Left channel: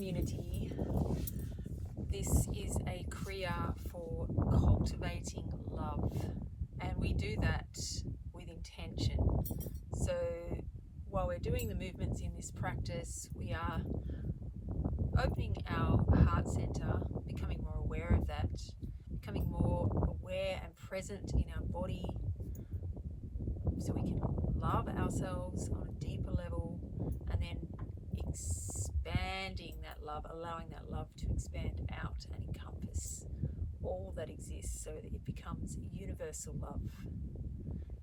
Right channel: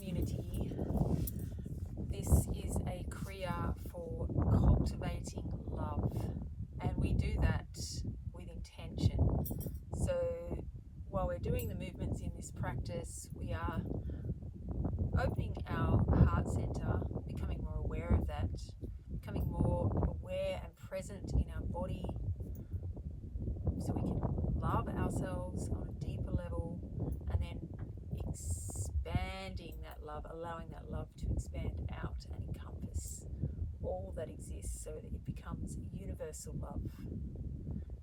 community. This is a Kriya for cultivating love, and we do that with intention. So while we're doing the movements in this practice, we are opening our heart center, becoming more aware of that, becoming more aware and present in our body, so we can love ourselves on a deeper level, and then expanding that love, allowing that love to expand out and encompass all that exists so that it becomes universal love.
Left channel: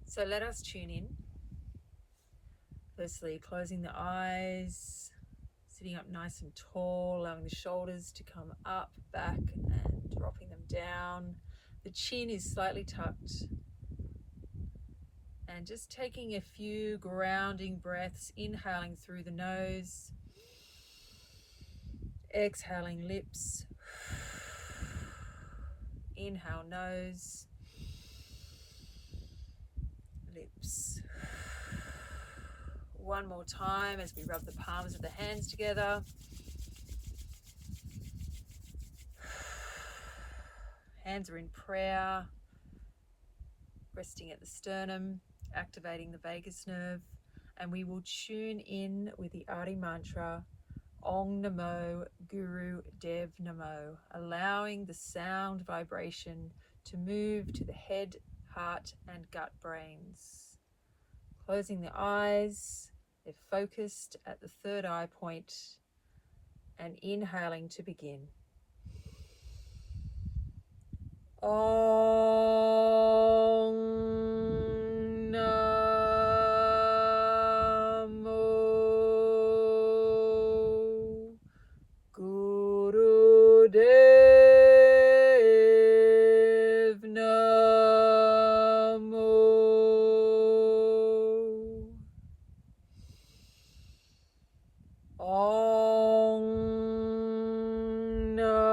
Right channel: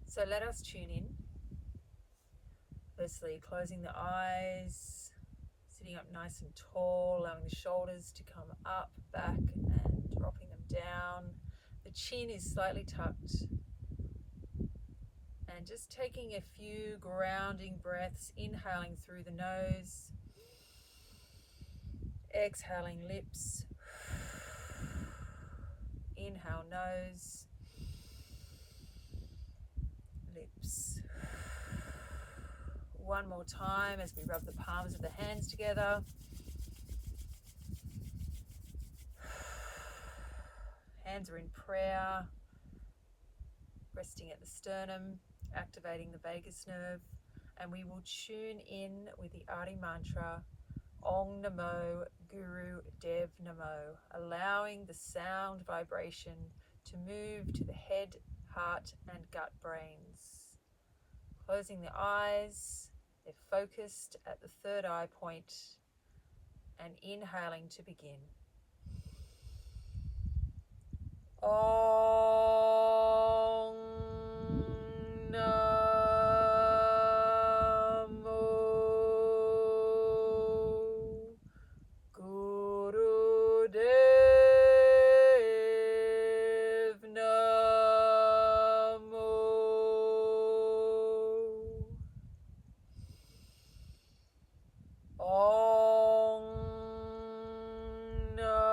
So let us tune in. Firstly, closing the eyes, sitting up nice and tall, allowing the shoulders to come up, back, and dropping them down. The chin is slightly tucked. And just taking a few grounding breaths, inhaling through the nose, exhaling lips, inhale nose, lips. One more time as we rub the palms of the hands together. Hands are in prayer, resting at the sternum, activating the vagus nerve, and we will tune in with the Adi mantra, Om Namo Guru Dev Namo, allowing the sound vibration to move to the head, heart, and gut brains. Closing the eyes, they're focused at the third eye point, and inhaling to begin. Om Namo Guru Dev Namo. Om Namo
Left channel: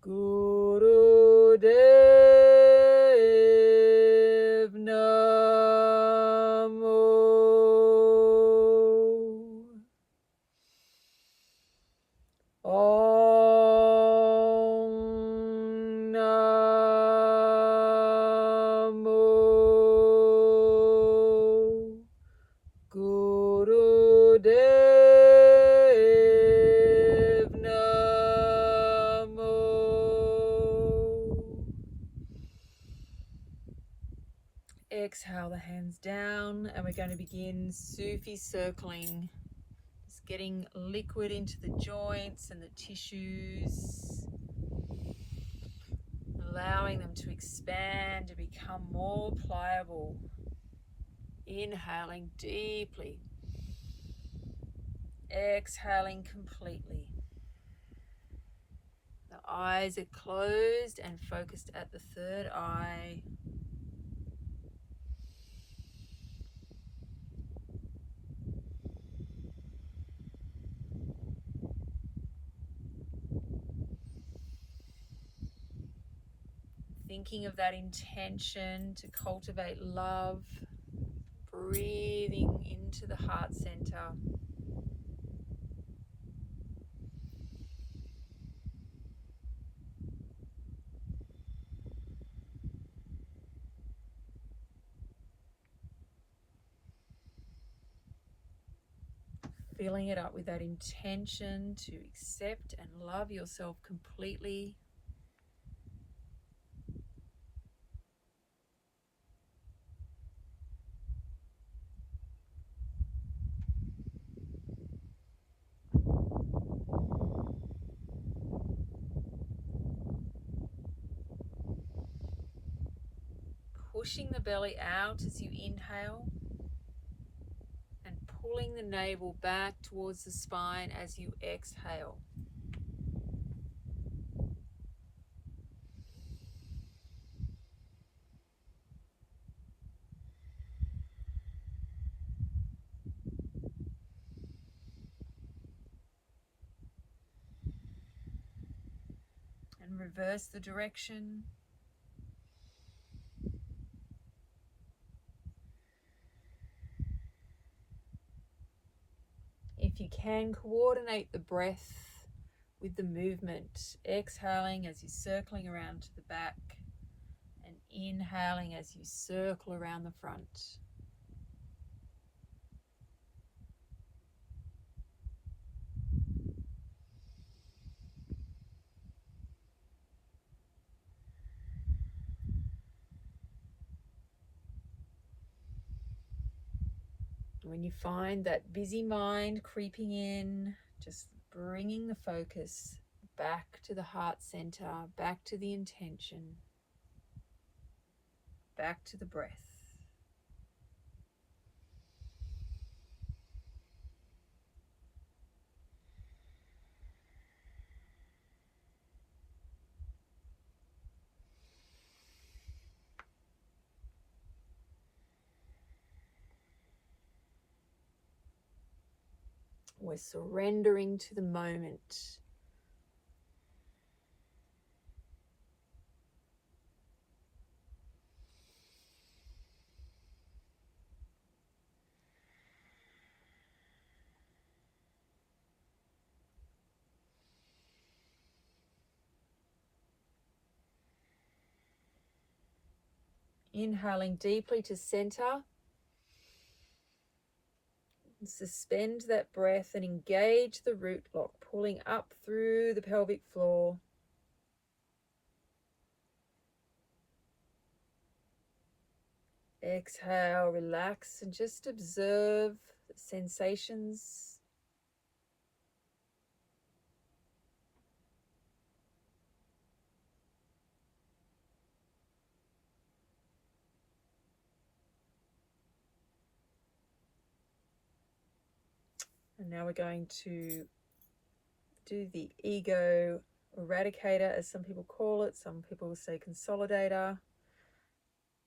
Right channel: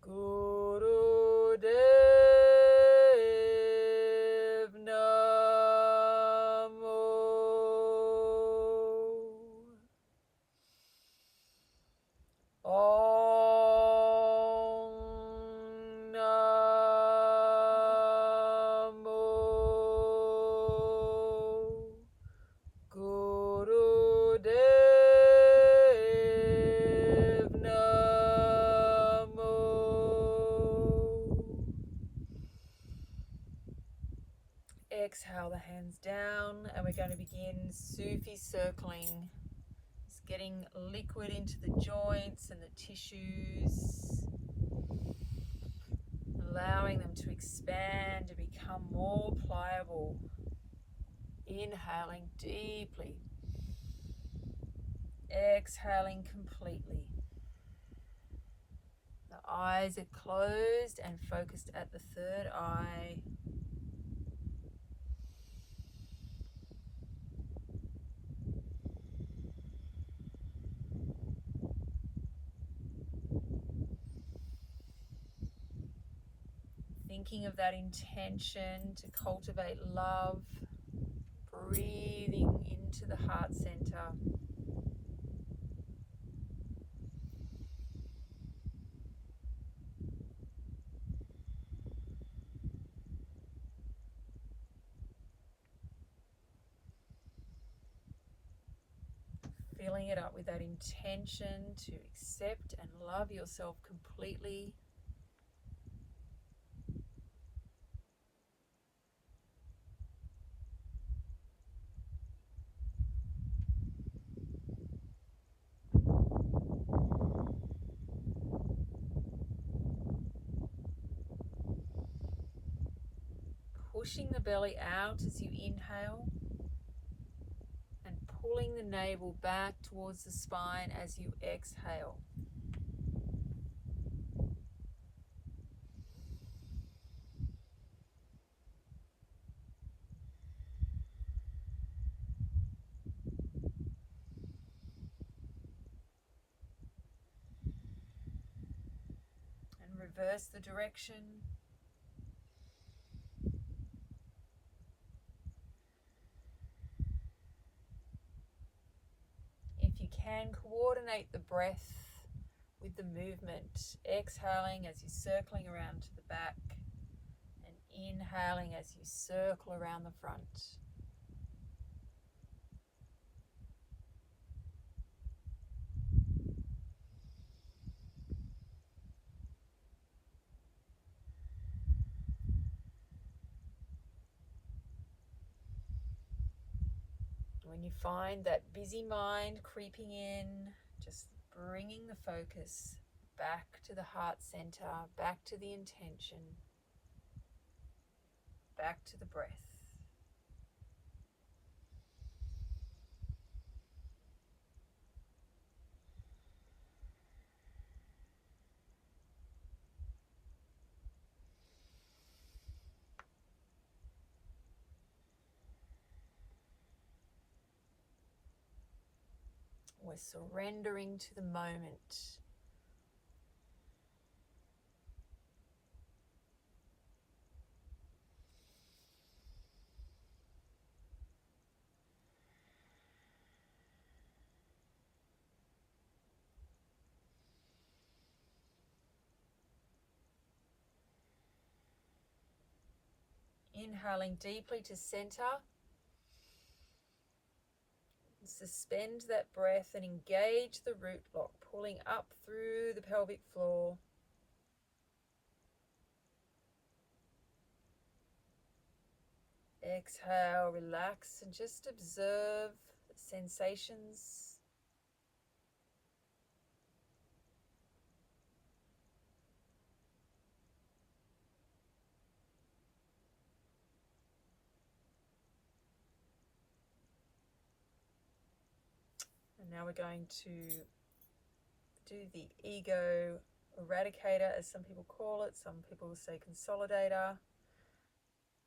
Guru Dev Namo. Om Namo Guru Dev Namo. Exhale the hands down, and we're going to begin Sufi circling. Just getting liquid into the joints and the tissues, allowing them to expand and become more pliable. Inhaling deeply, exhaling completely. The eyes are closed and focused at the third eye. Thinking of that intention to cultivate love, breathing into the heart center. Filling it up with that intention to accept and love yourself completely. Pushing the belly out as you inhale, and pulling the navel back towards the spine as you exhale. And reverse the direction. if you can, coordinate the breath with the movement. Exhaling as you're circling around to the back, and inhaling as you circle around the front. When you find that busy mind creeping in, just bringing the focus back to the heart center, back to the intention, back to the breath. We're surrendering to the moment. Inhaling deeply to center. Suspend that breath and engage the root block, pulling up through the pelvic floor. Exhale, relax, and just observe the sensations. And now we're going to do the ego eradicator, as some people call it. Some people say consolidator.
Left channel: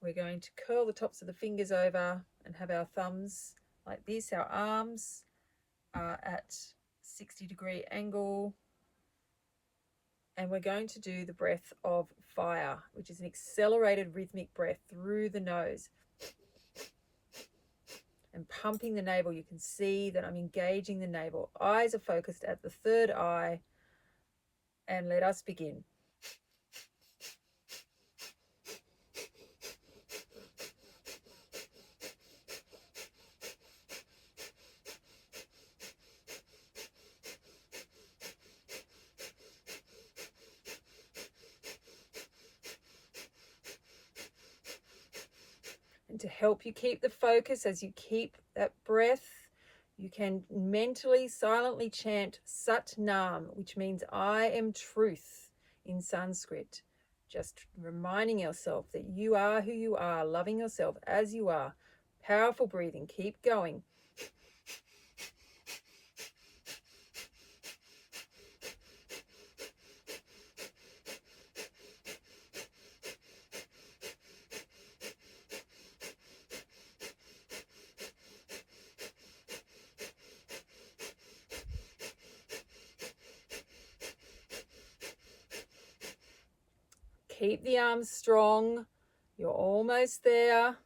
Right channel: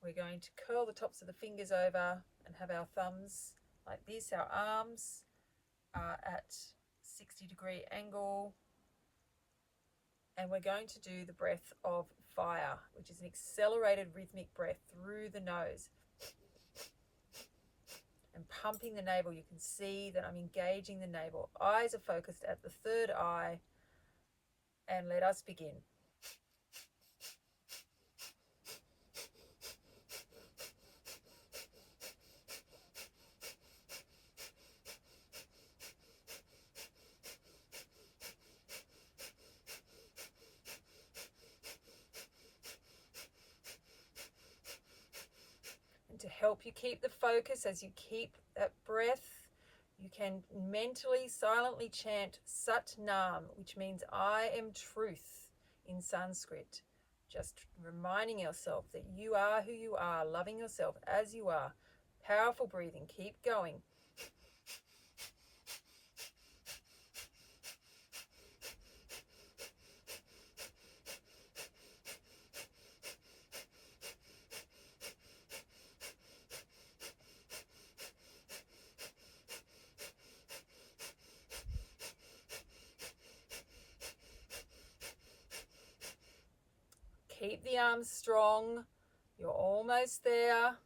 We're going to curl the tops of the fingers over and have our thumbs like this. Our arms are at 60-degree angle. And we're going to do the breath of fire, which is an accelerated rhythmic breath through the nose. And pumping the navel, you can see that I'm engaging the navel. Eyes are focused at the third eye. And let us begin. And to help you keep the focus as you keep that breath, you can mentally, silently chant Sat Nam, which means I am truth in Sanskrit. Just reminding yourself that you are who you are, loving yourself as you are. Powerful breathing. Keep going. Keep the arms strong. You're almost there.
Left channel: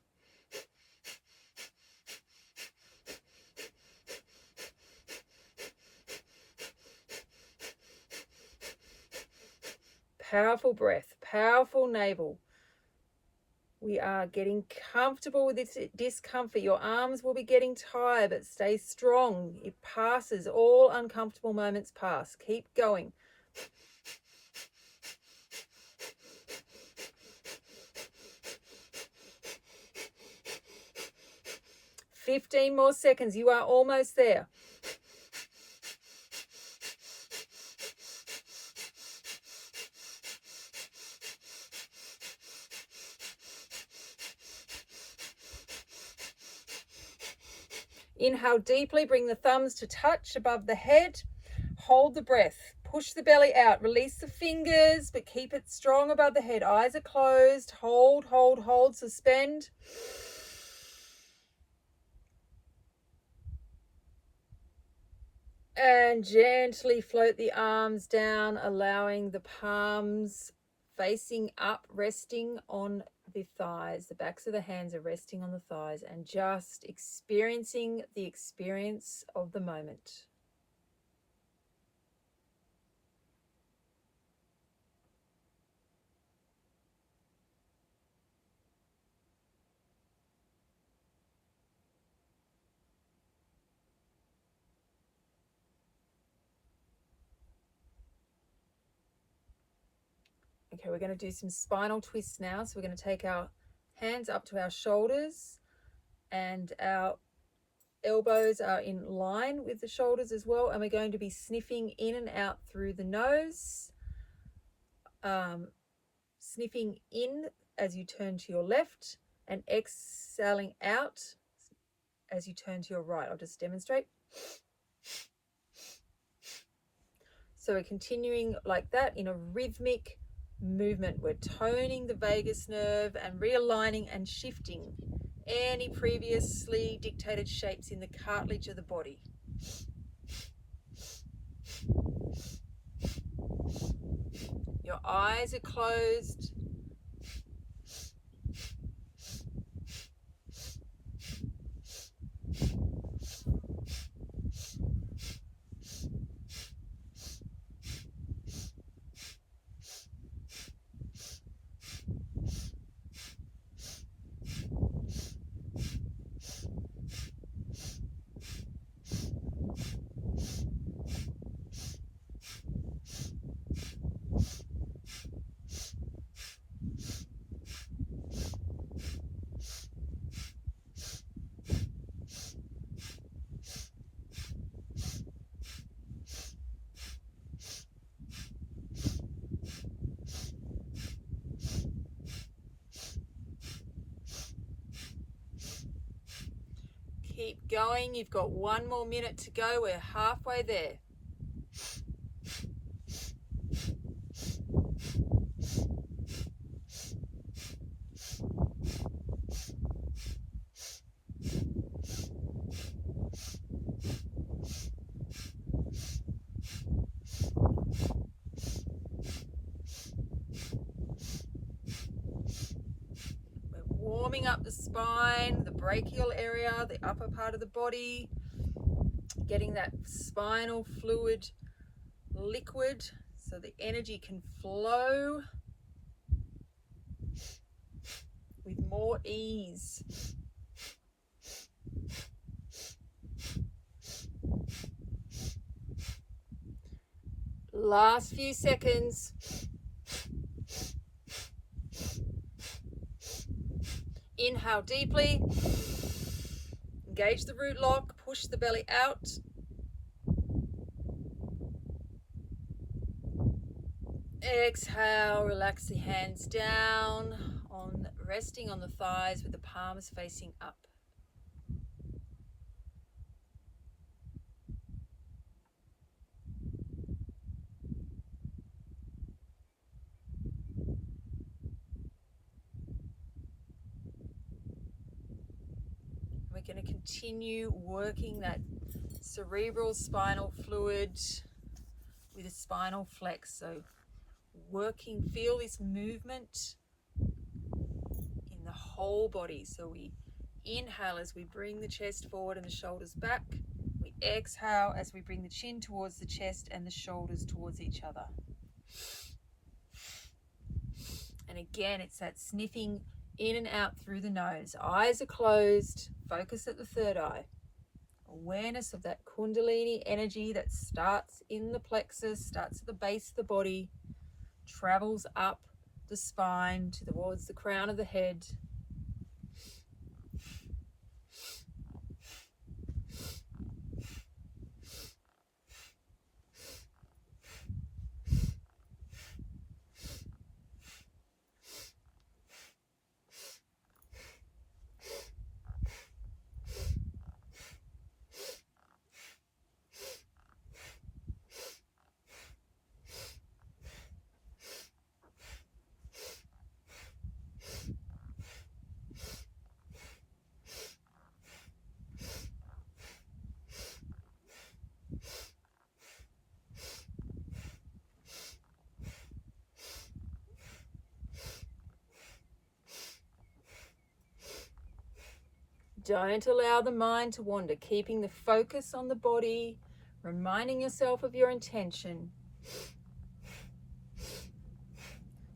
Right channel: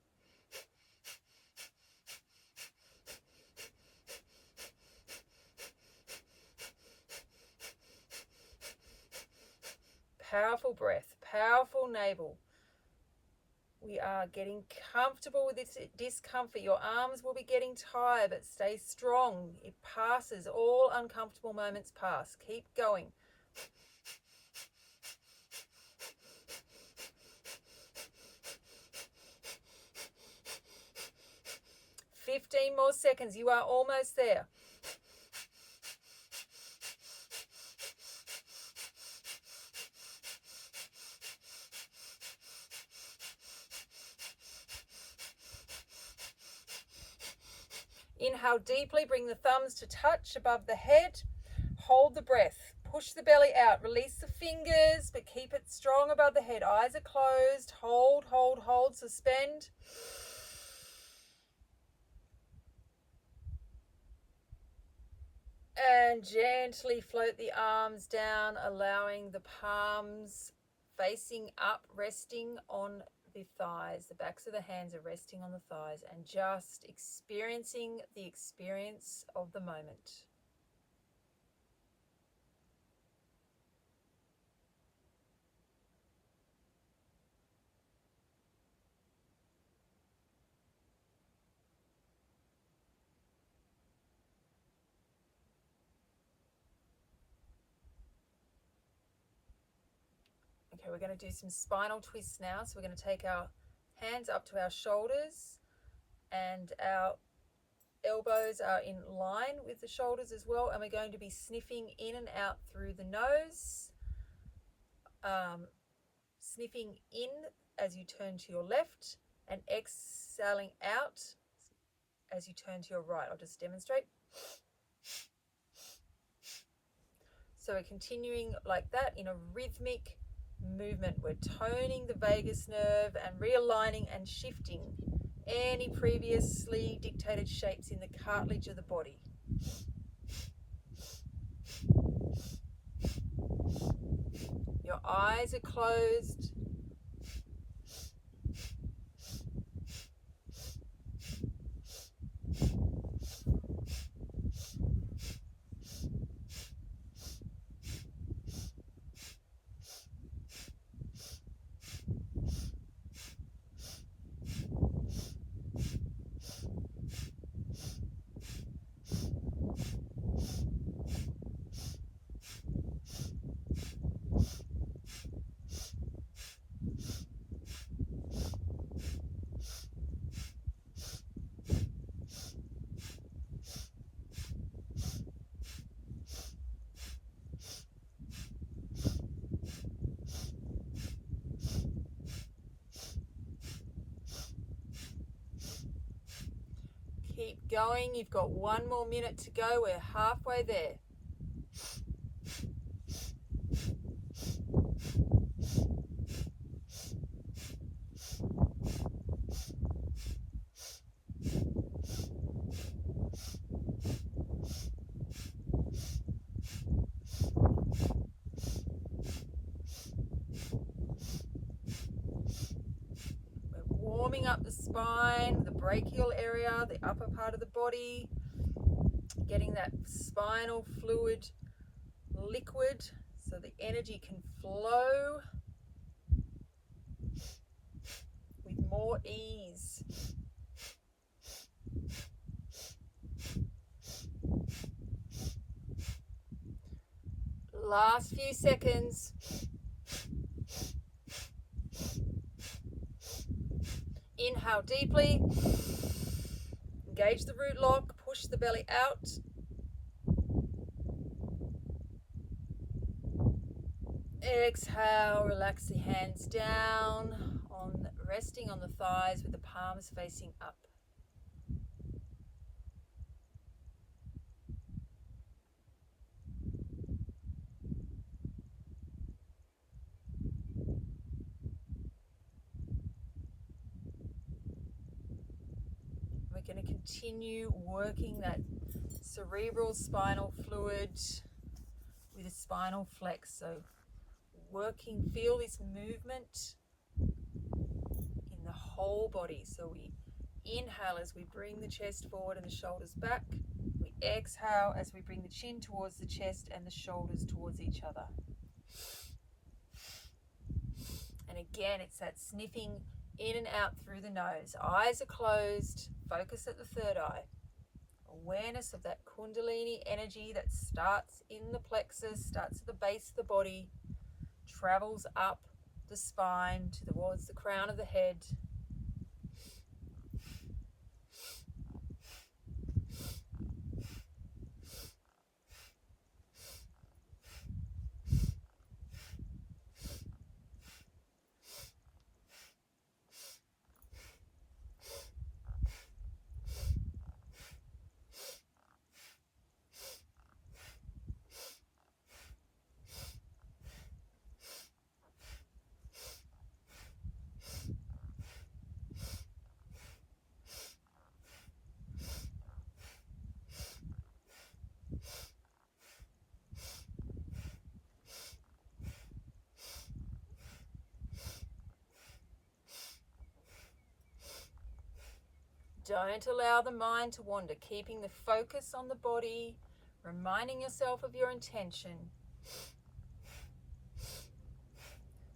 Powerful breath, powerful navel. We are getting comfortable with this discomfort. Your arms will be getting tired, but stay strong. It passes. All uncomfortable moments pass. Keep going. "15 more seconds. You are almost there. Inhale deeply, bring the thumbs to touch above the head. Hold the breath. Push the belly out. Release the fingers, but keep it strong above the head. Eyes are closed. Hold, hold, hold. Suspend. And gently float the arms down, allowing the palms facing up, resting on the thighs. The backs of the hands are resting on the thighs, and just experiencing the experience of the moment. Okay, we're going to do some spinal twists now. So we're going to take our hands up to our shoulders, and our elbows are in line with the shoulders as well. And we're going to be sniffing in and out through the nose, sniffing in as you turn to your left, and exhaling out as you turn to your right. I'll just demonstrate. So we're continuing like that in a rhythmic movement. We're toning the vagus nerve and realigning and shifting any previously dictated shapes in the cartilage of the body. Your eyes are closed. Keep going. You've got 1 more minute to go. We're halfway there. Warming up the spine, the brachial area, the upper part of the body, getting that spinal fluid liquid so the energy can flow with more ease. Last few seconds. Inhale deeply, engage the root lock, push the belly out. Exhale, relax the hands down, resting on the thighs with the palms facing up. We're going to continue working that cerebral spinal fluid with a spinal flex. So feel this movement in the whole body. So we inhale as we bring the chest forward and the shoulders back. We exhale as we bring the chin towards the chest and the shoulders towards each other. And again, it's that sniffing in and out through the nose. Eyes are closed. Focus at the third eye. Awareness of that Kundalini energy that starts in the plexus, starts at the base of the body, travels up the spine towards the crown of the head. Don't allow the mind to wander, keeping the focus on the body, reminding yourself of your intention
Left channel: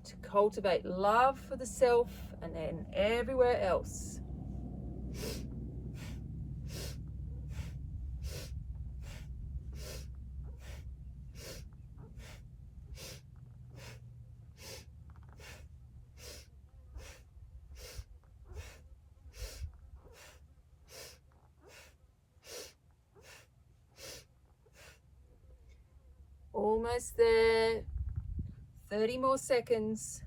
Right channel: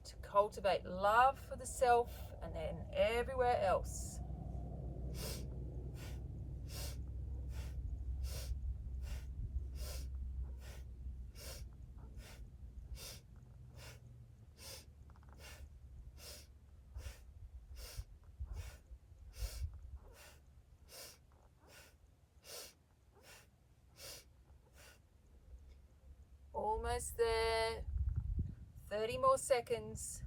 to cultivate love for the self and then everywhere else. Almost there. 30 more seconds.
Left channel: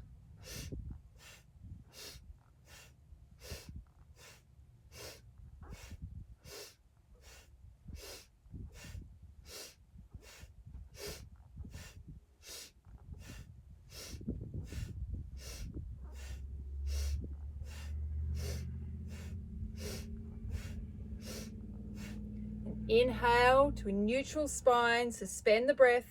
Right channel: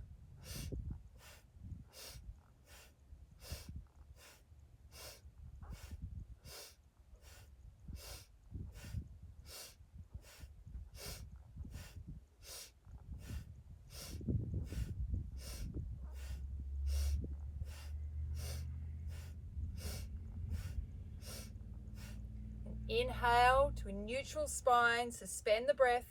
Inhale to a neutral spine, suspend the breath.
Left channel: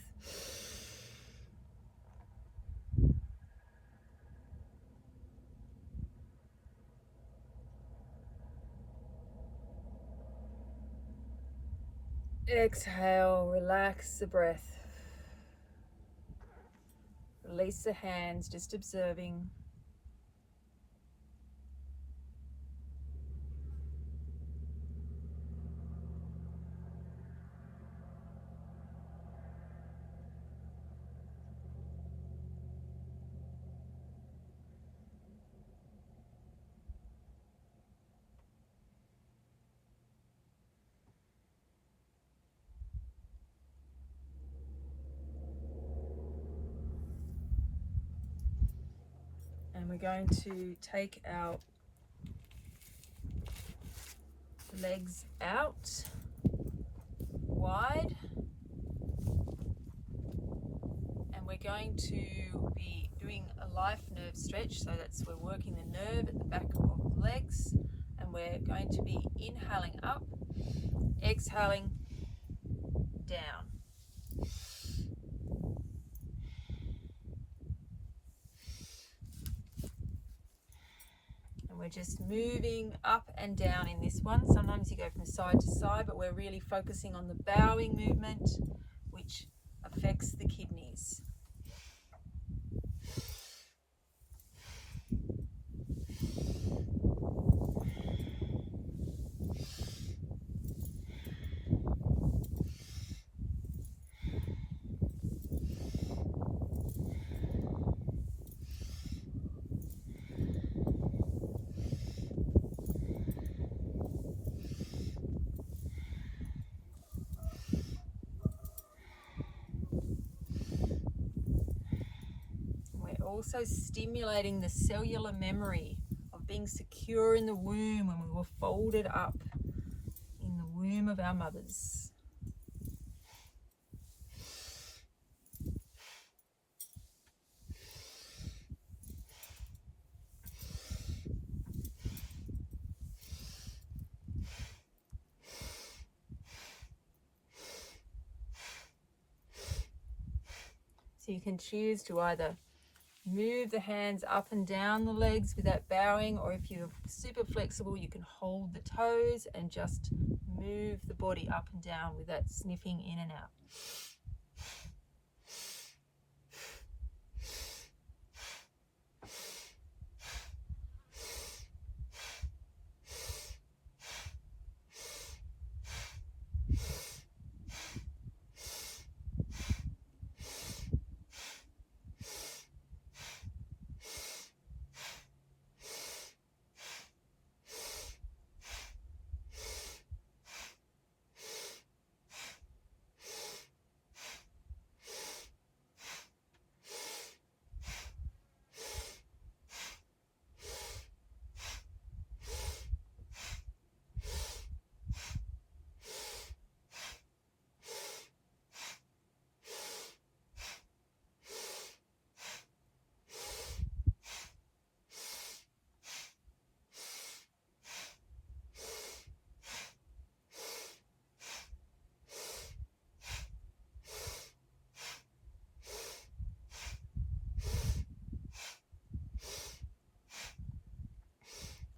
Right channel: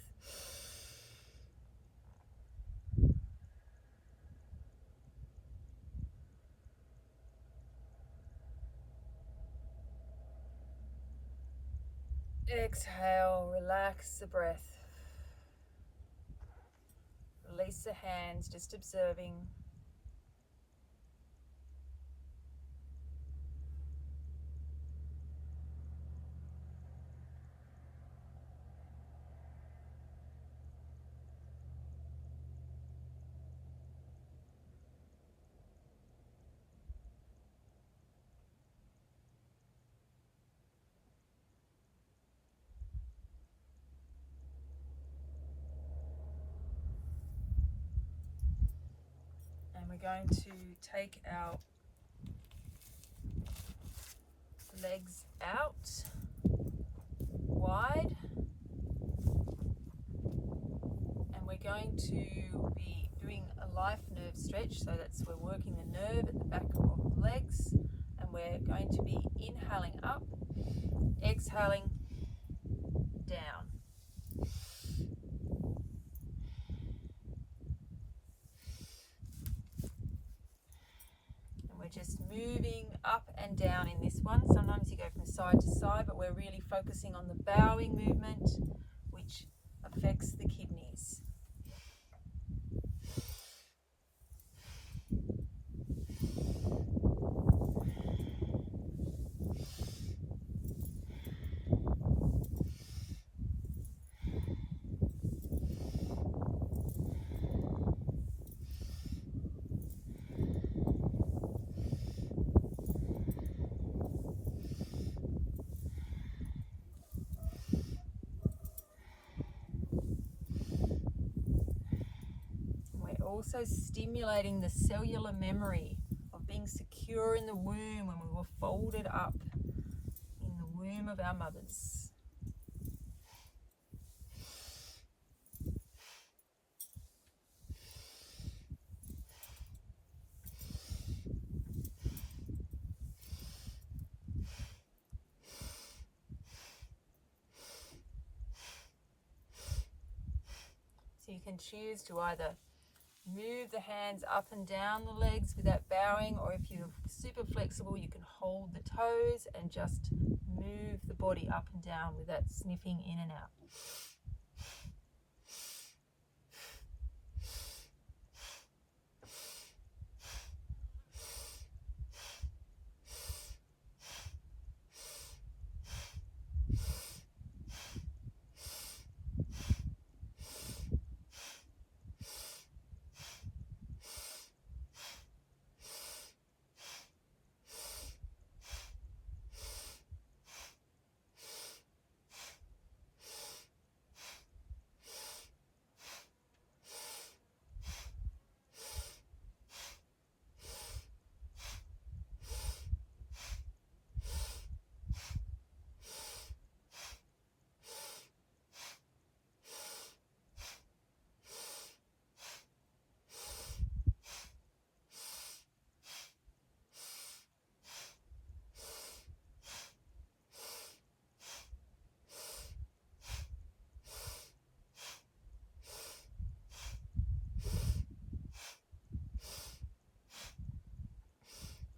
Exhale, relax the breath. Release the hands, just observing. And we're going to take our legs out wide. And we're going to be doing a life nerve stretch. So we're working the nerve at the back of the legs. And we're going to be inhaling up, exhaling down. We're just moving up and down in this one. Sometimes you go from side to side, but we're really focusing on the bowing movement, which affects the kidneys. Also stimulating the cellular memory of being secure in the womb when we were folded up in the womb of our mothers. So you can choose to either move the hands up and down the legs without bowing, or if you're super flexible, you can hold the toes and just move the body up and down without sniffing in and out.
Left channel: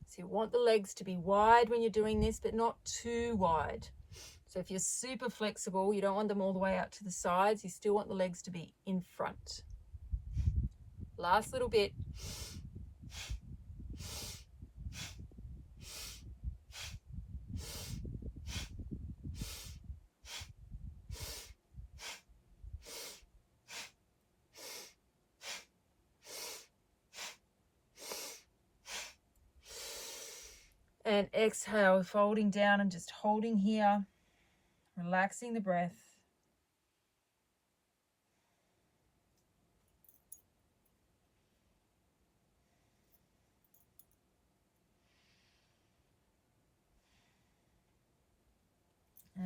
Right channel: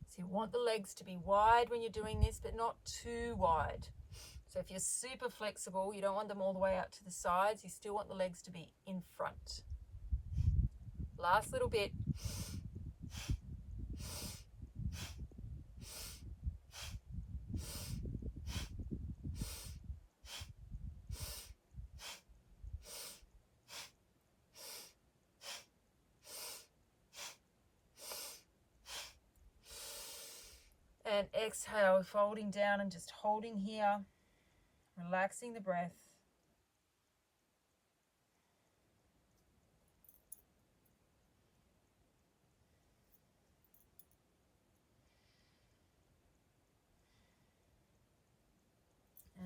So you want the legs to be wide when you're doing this, but not too wide. So if you're super flexible, you don't want them all the way out to the sides. You still want the legs to be in front. Last little bit. And exhale, folding down and just holding here, relaxing the breath.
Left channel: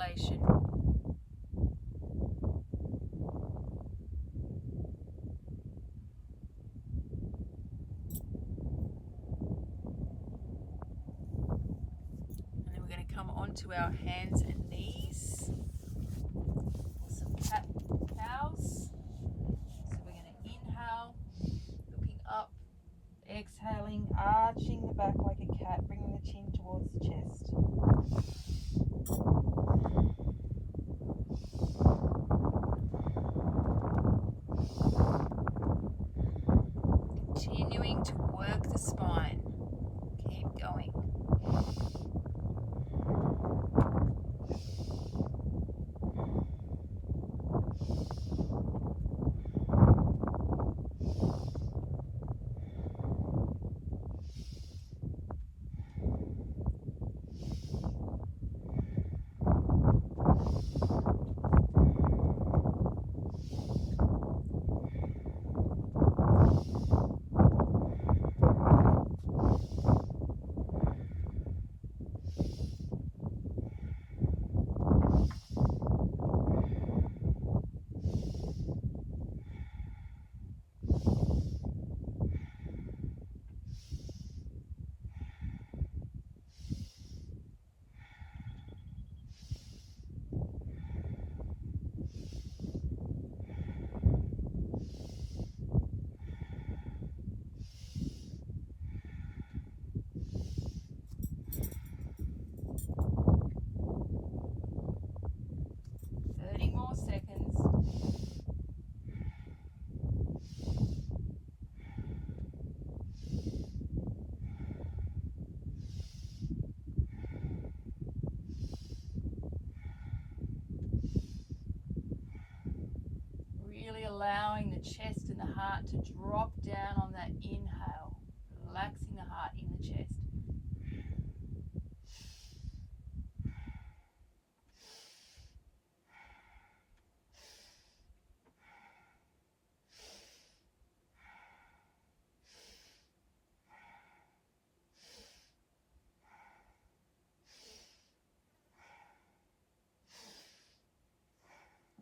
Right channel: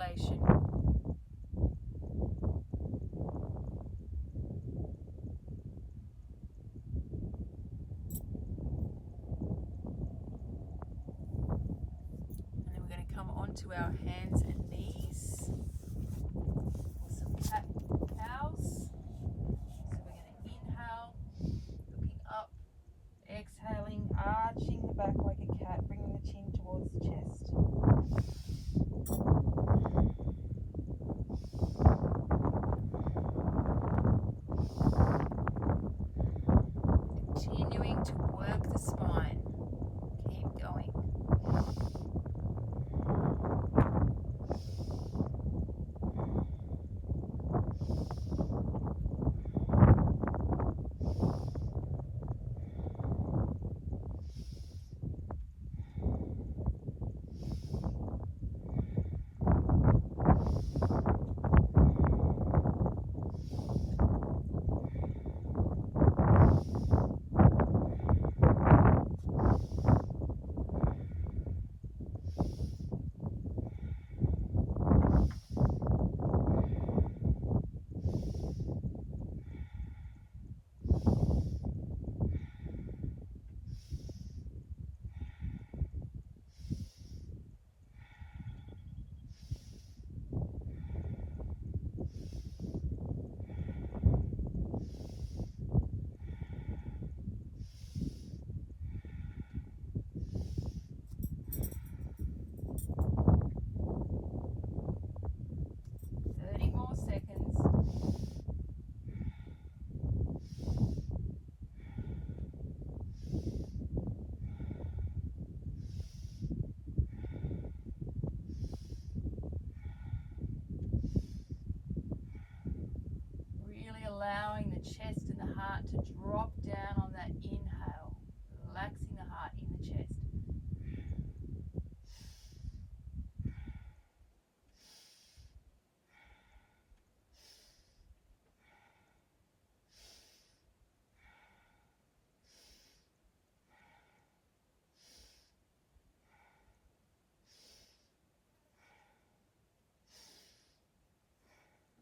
circulation. And then we're going to come onto our hands and knees for some cat cows. So we're going to inhale, looking up, exhaling, arching the back like a cat, bringing the chin towards the chest. Continuing to work the spine. Keep going. More seconds. Really allowing the chest and the heart to drop down on that inhale, relaxing the heart in the chest.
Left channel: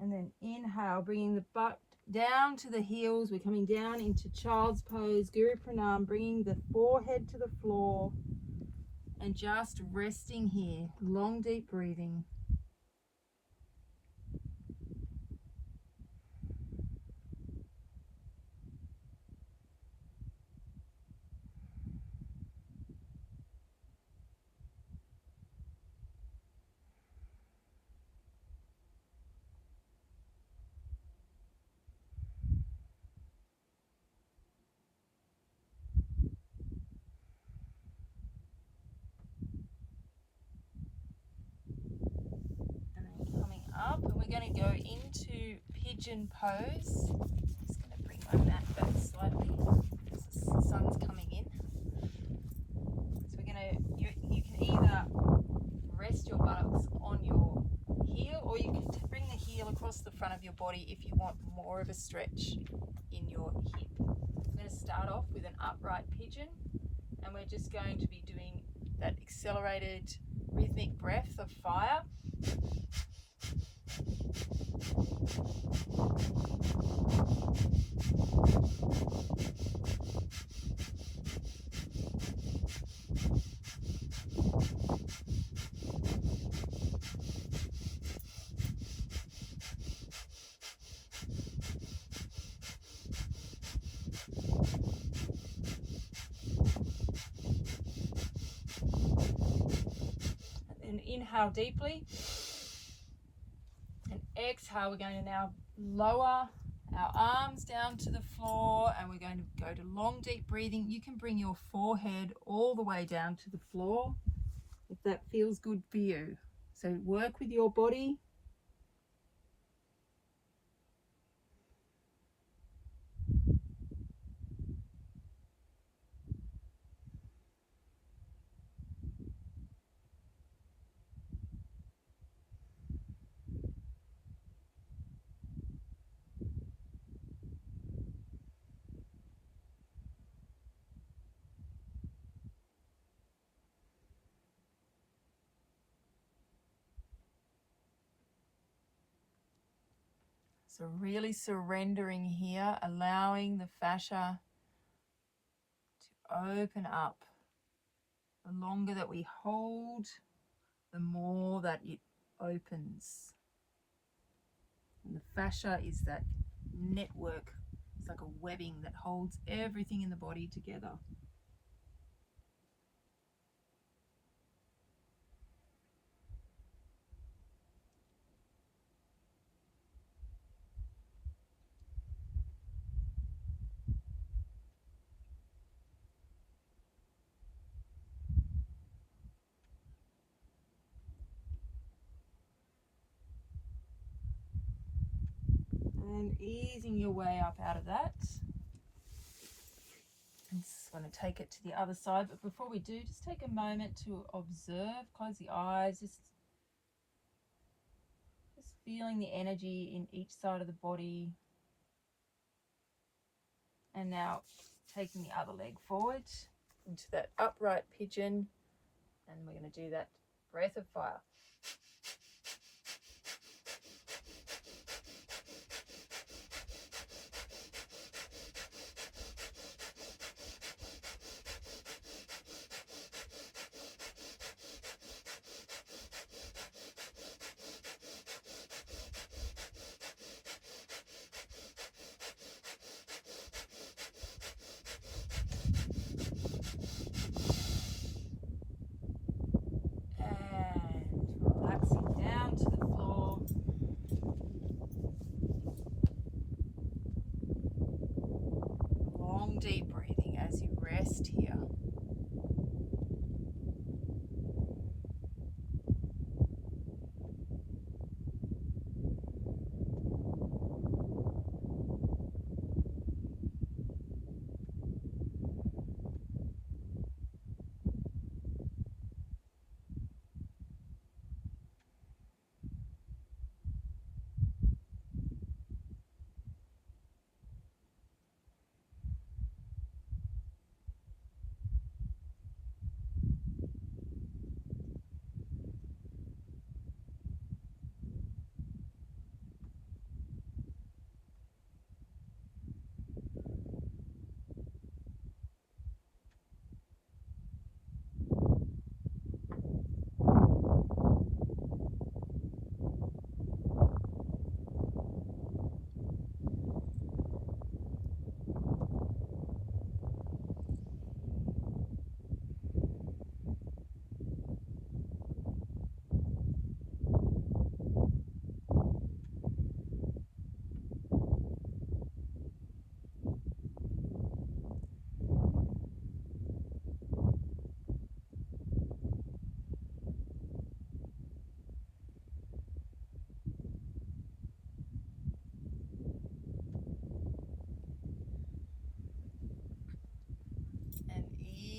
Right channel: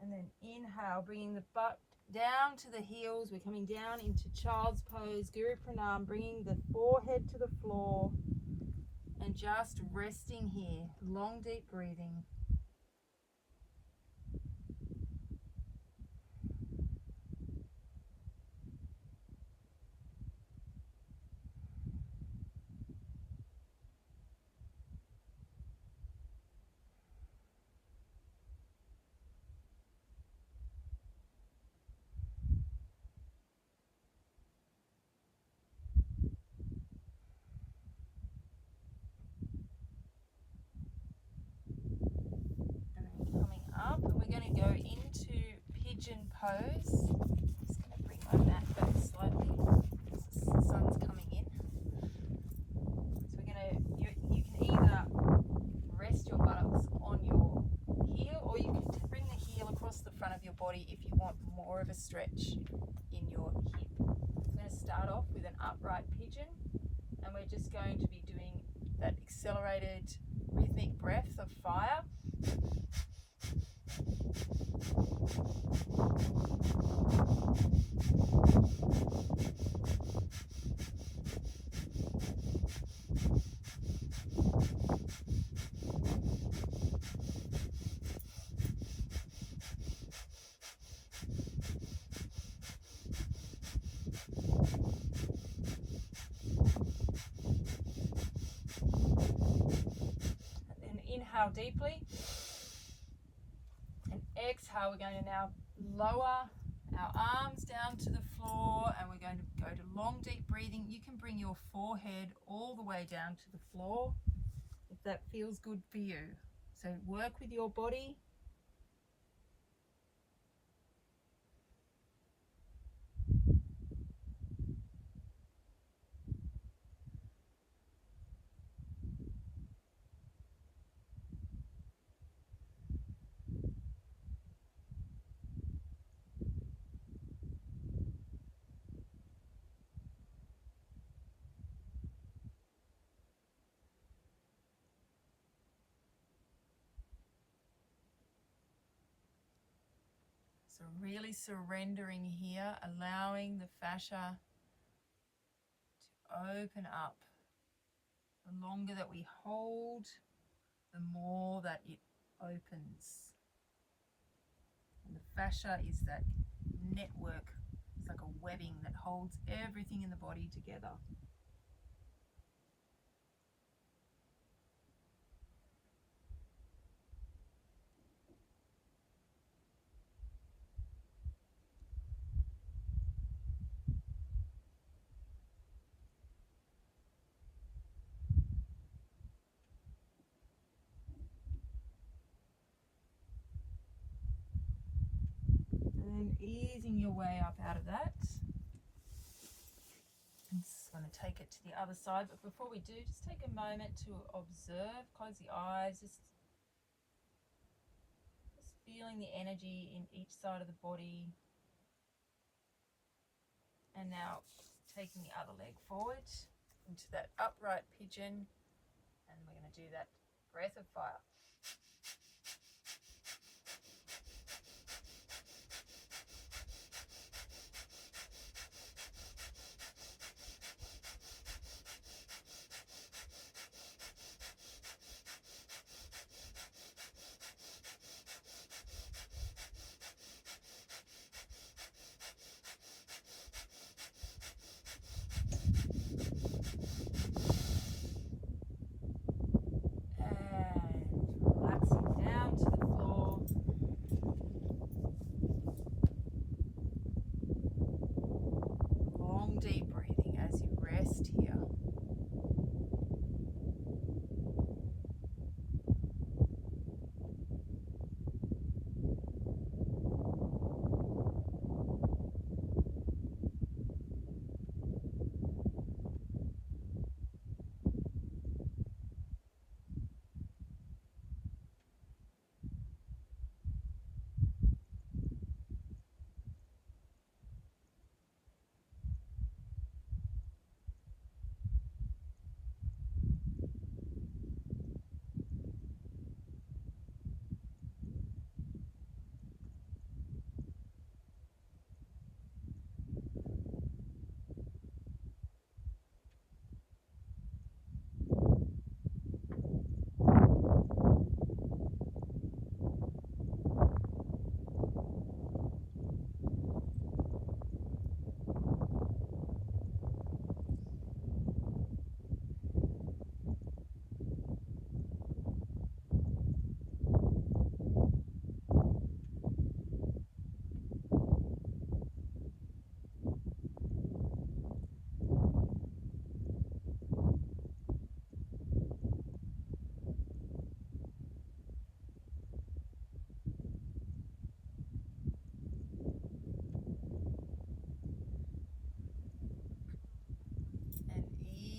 And then inhale, bringing the butt down to the heels. We're coming down into child's pose, Guru Pranam, bringing the forehead to the floor and just resting here. Long, deep breathing. Coming up, and we're going to go into pigeon pose. I'm just going to bring my mat back slightly because the sun's coming in. So we're going to, you can either rest your buttocks on your heel, or you can bring the heel across the front of your body if you want more of a stretch in your hip. I'm going to start off with an upright pigeon, and we're just going to be doing that accelerated rhythmic breath of fire. And inhale deeply, and exhale. We're going to now lower our arms down to the floor, and we're going to go to long deep breathing. You can bring your forehead all the way down to the floor if that feels good for you. So work with your body. So really surrendering here, allowing the fascia to open up. The longer that we hold, the more that it opens. And the fascia is that network. It's like a webbing that holds everything in the body together. And easing your way up out of that. I'm just going to take it to the other side, but before we do, just take a moment to observe, close the eyes, just feeling the energy in each side of the body. And now taking the other leg forward into that upright pigeon, and we're going to do that breath of fire. Deep breathing as you rest here.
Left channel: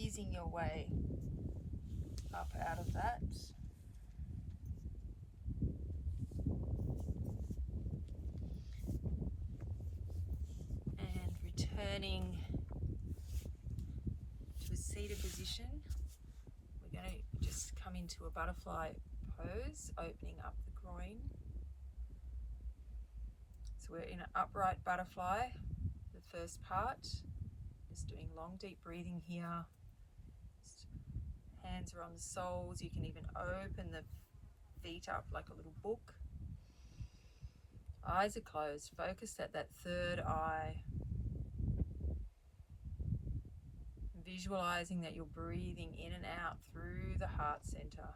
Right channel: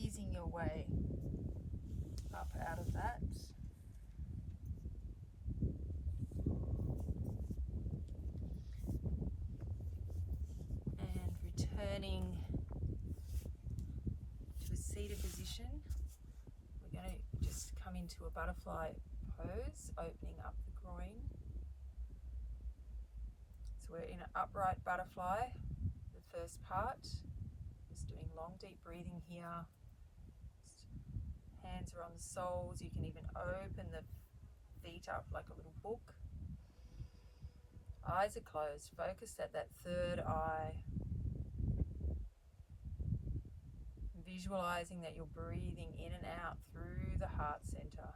Easing your way up out of that. And returning to a seated position. We're going to just come into a butterfly pose, opening up the groin. So we're in an upright butterfly, the first part. Just doing long, deep breathing here. Hands are on the soles. You can even open the feet up like a little book. Eyes are closed. Focus at that third eye. Visualizing that you're breathing in and out through the heart center.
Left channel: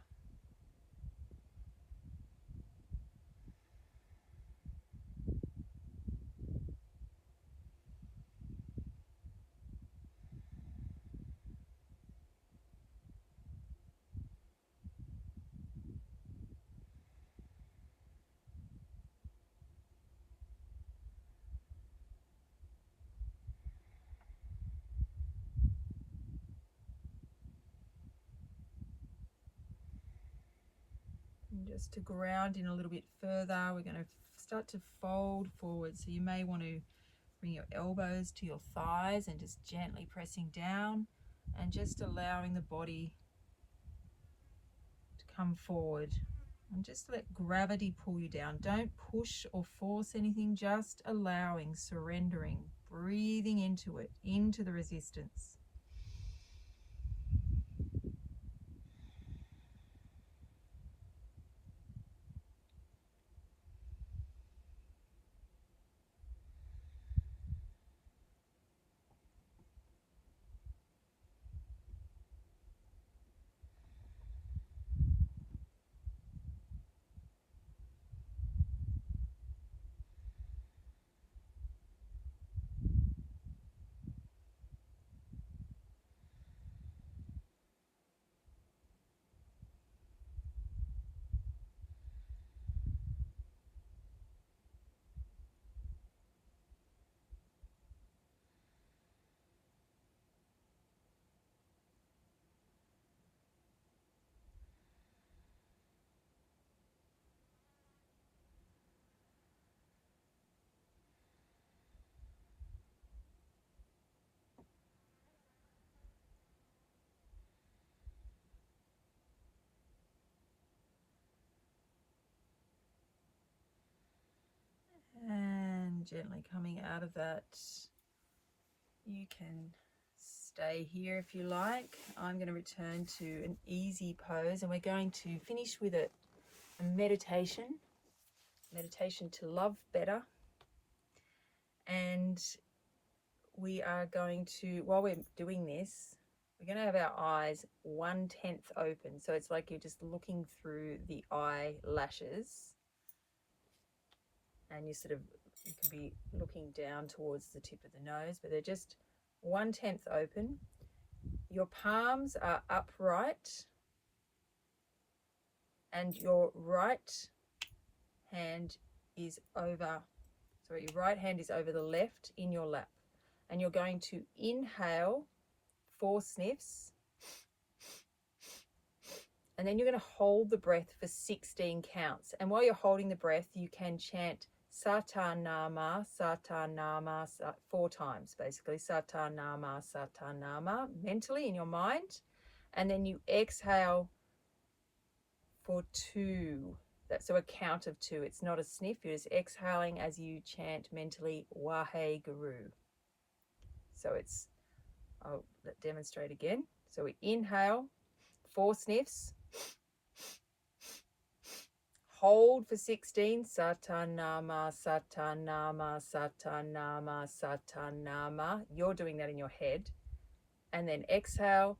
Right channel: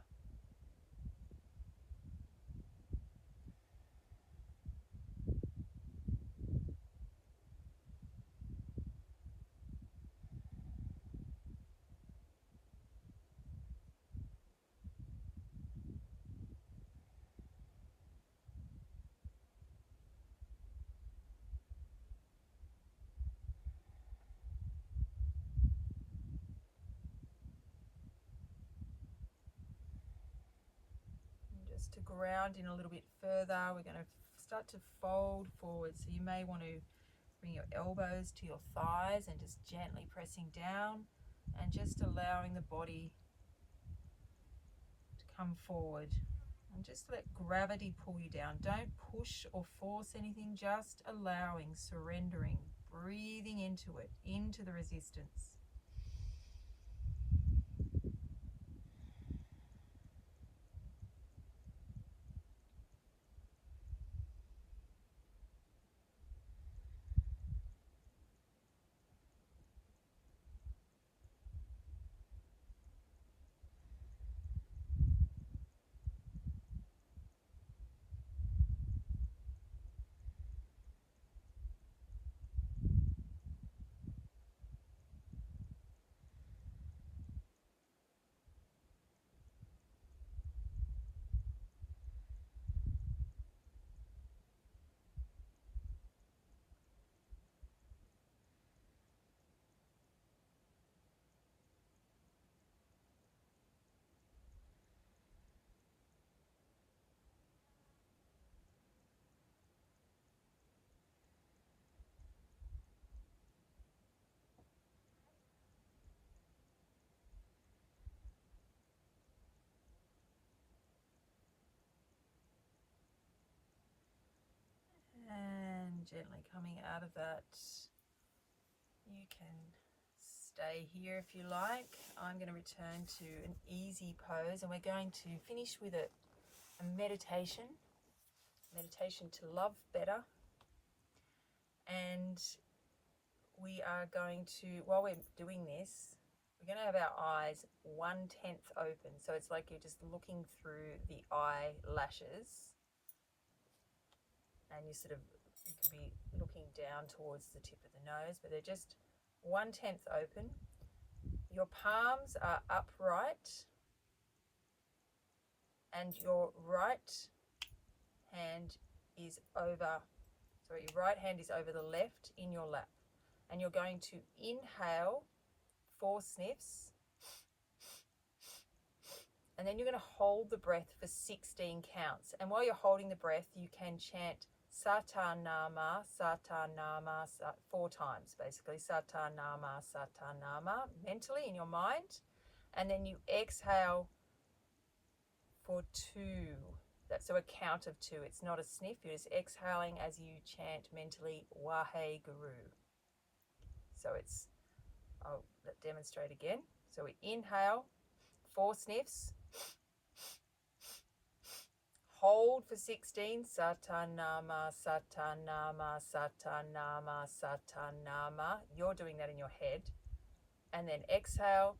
Just to ground in a little bit further, we're going to start to fold forward. So you may want to bring your elbows to your thighs and just gently pressing down and just allowing the body to come forward. And just let gravity pull you down. Don't push or force anything, just allowing, surrendering, breathing into it, into the resistance. And gently coming out of that, you can stay here if you like. I'm going to return to an easy pose, and we're going to finish with a meditation to love better. And we are going to, while we're doing this, we're going to have our eyes 1/10 open. So it's like you're just looking through the eyelashes, and you can be looking down towards the tip of the nose, but they're just 1/10 open. Your palms are upright, and your right hand is over, your right hand is over the left in your lap. And you're going to inhale 4 sniffs, and then you're going to hold the breath for 16 counts. And while you're holding the breath, you can chant Satanama, Satanama 4 times, basically. Satanama, Satanama, mentally in your mind. And then you exhale for 2. So a count of 2. It's not a sniff. You're just exhaling as you chant mentally Wahe Guru. So I'll demonstrate again. So we inhale 4 sniffs. Hold for 16. Satanama, Satanama, Satanama, Satanama. You're doing that in your head. And then exhale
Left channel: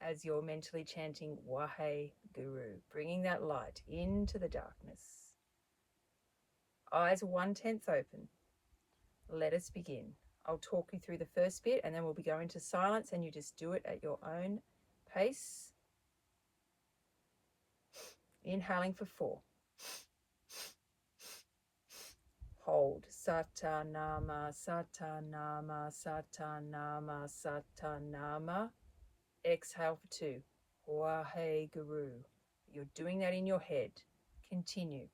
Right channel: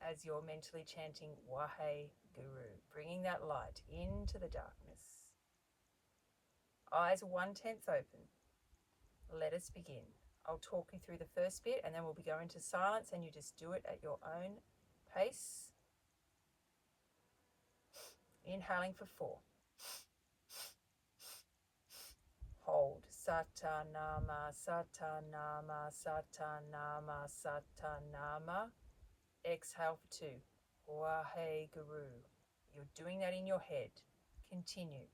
as you're mentally chanting Wahe Guru, bringing that light into the darkness. Eyes 1/10 open. Let us begin. I'll talk you through the first bit, and then we'll be going to silence, and you just do it at your own pace. Inhaling for 4. Hold. Satanama, Satanama, Satanama, Satanama. Exhale for 2. Wahe Guru. You're doing that in your head. Continue.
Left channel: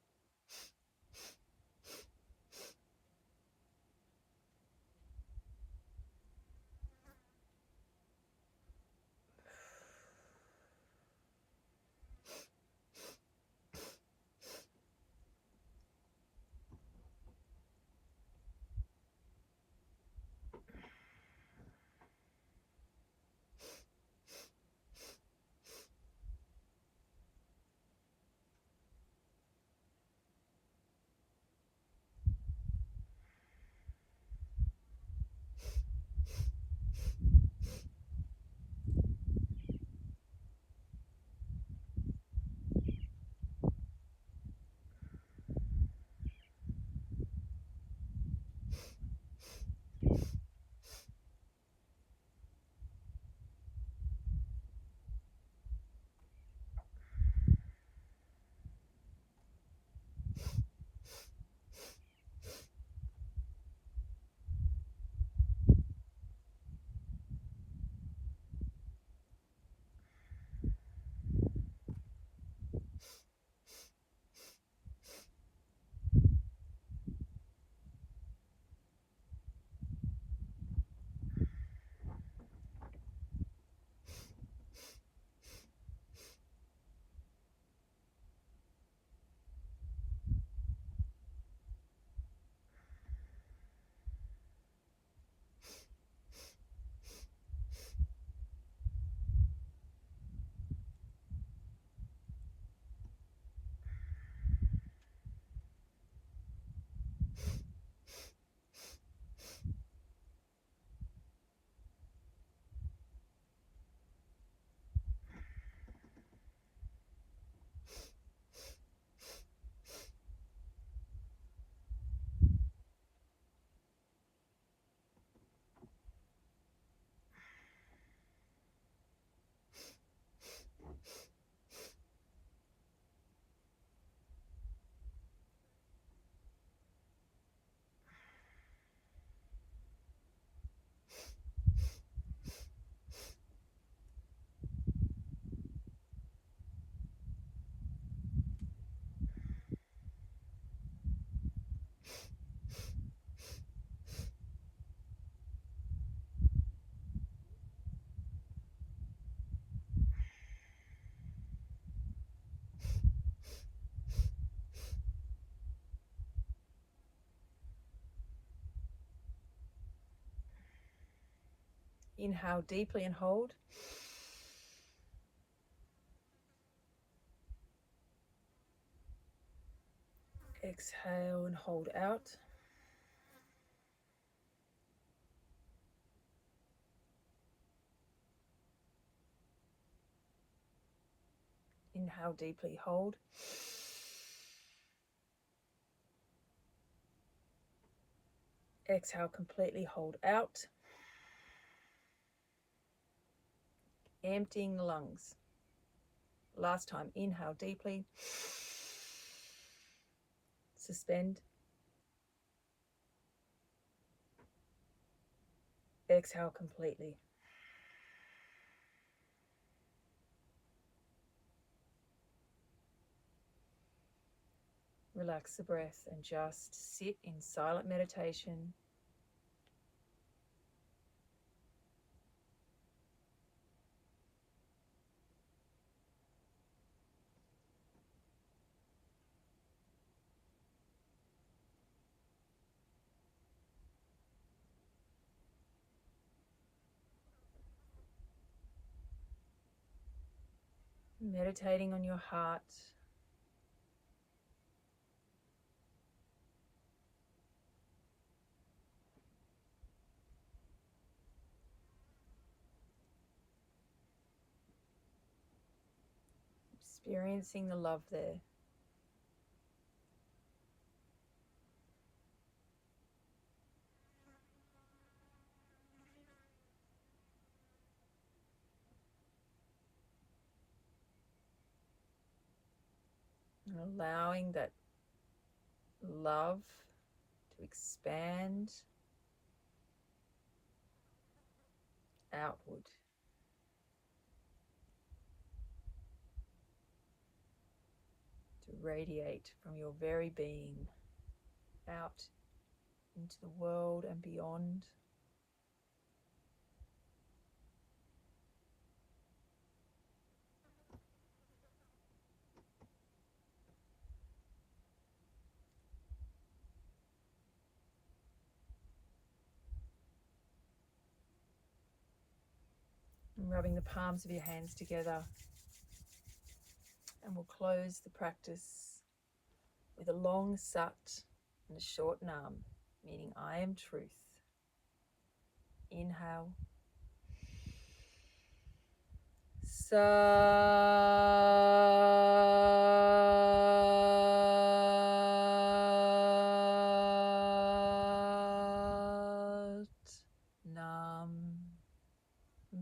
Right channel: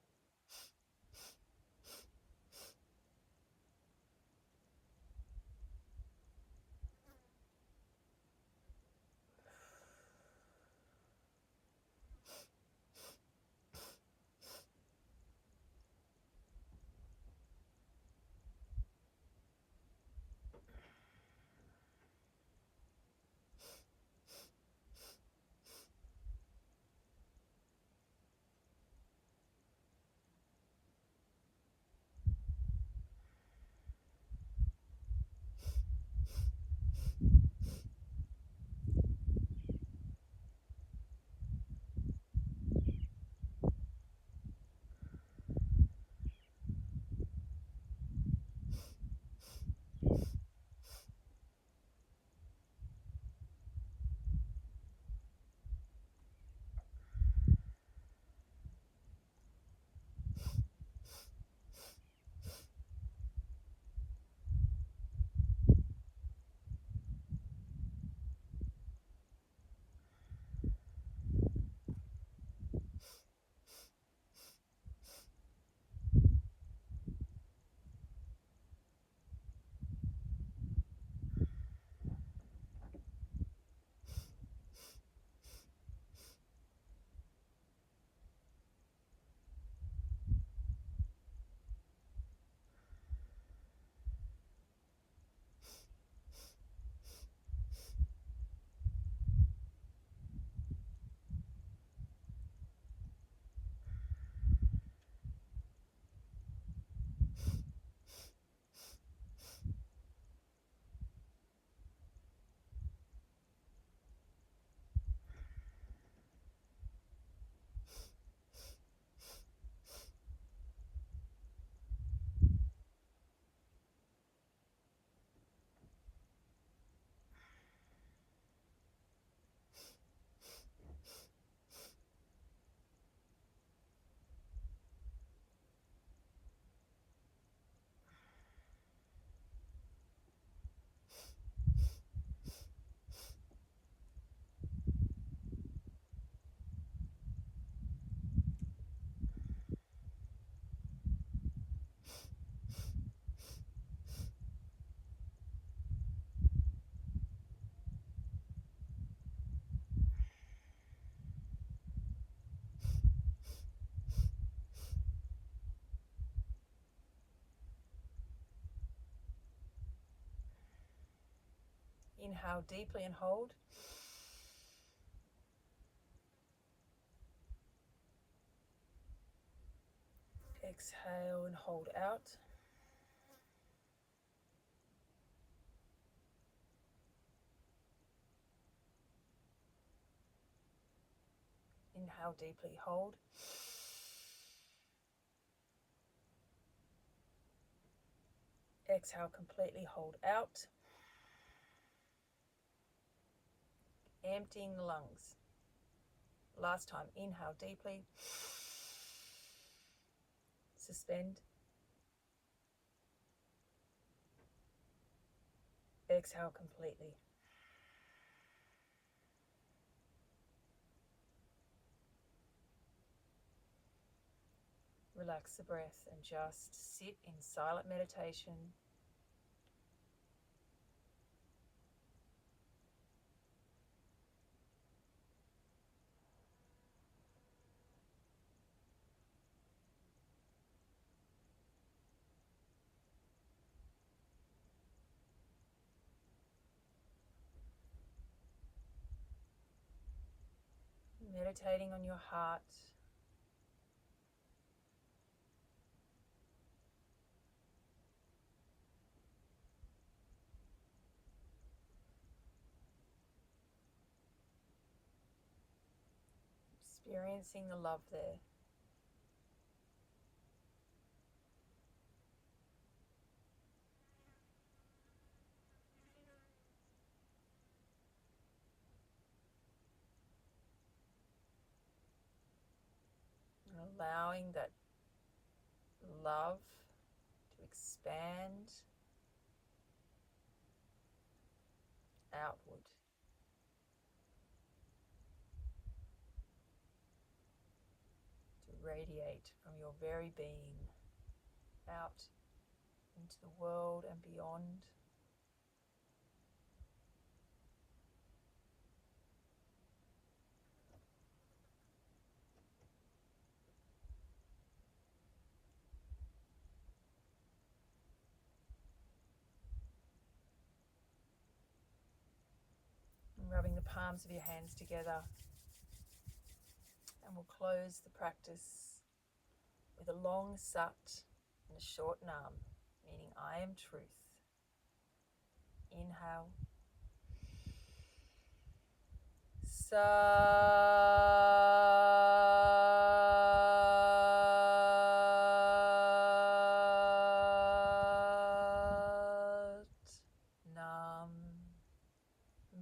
Inhale deeply and hold. Exhale and hold out. Inhale deeply, hold. Exhale completely, hold out. Emptying the lungs. Last time, inhale deeply. Suspend. Exhale completely. Relax the breath and just sit in silent meditation. Meditating on your heart. Experiencing the love there. And allowing that love to expand outward. To radiate from your very being out into the world and beyond. And rubbing the palms of your hands together. And we'll close the practice with a long sat and a short nam, meaning I am truth. Inhale. Sat. Nam.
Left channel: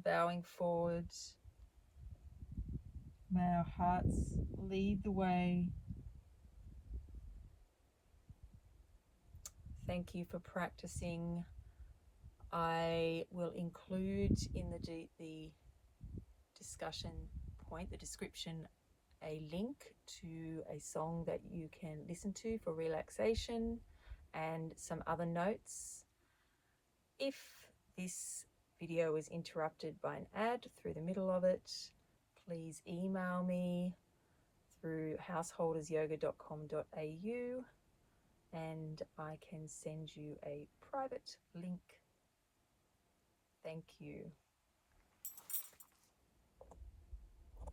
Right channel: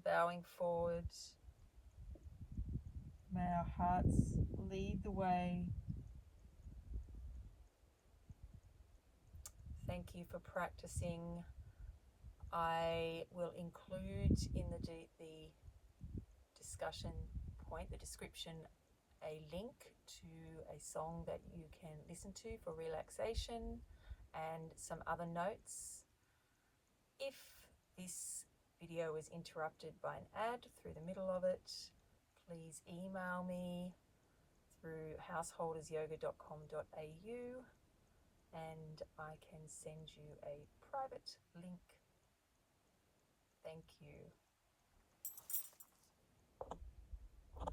Bowing forwards. May our hearts lead the way. Thank you for practicing. I will include in the discussion point, the description, a link to a song that you can listen to for relaxation and some other notes. If this video is interrupted by an ad through the middle of it, please email me through householdersyoga.com.au and I can send you a private link. Thank you.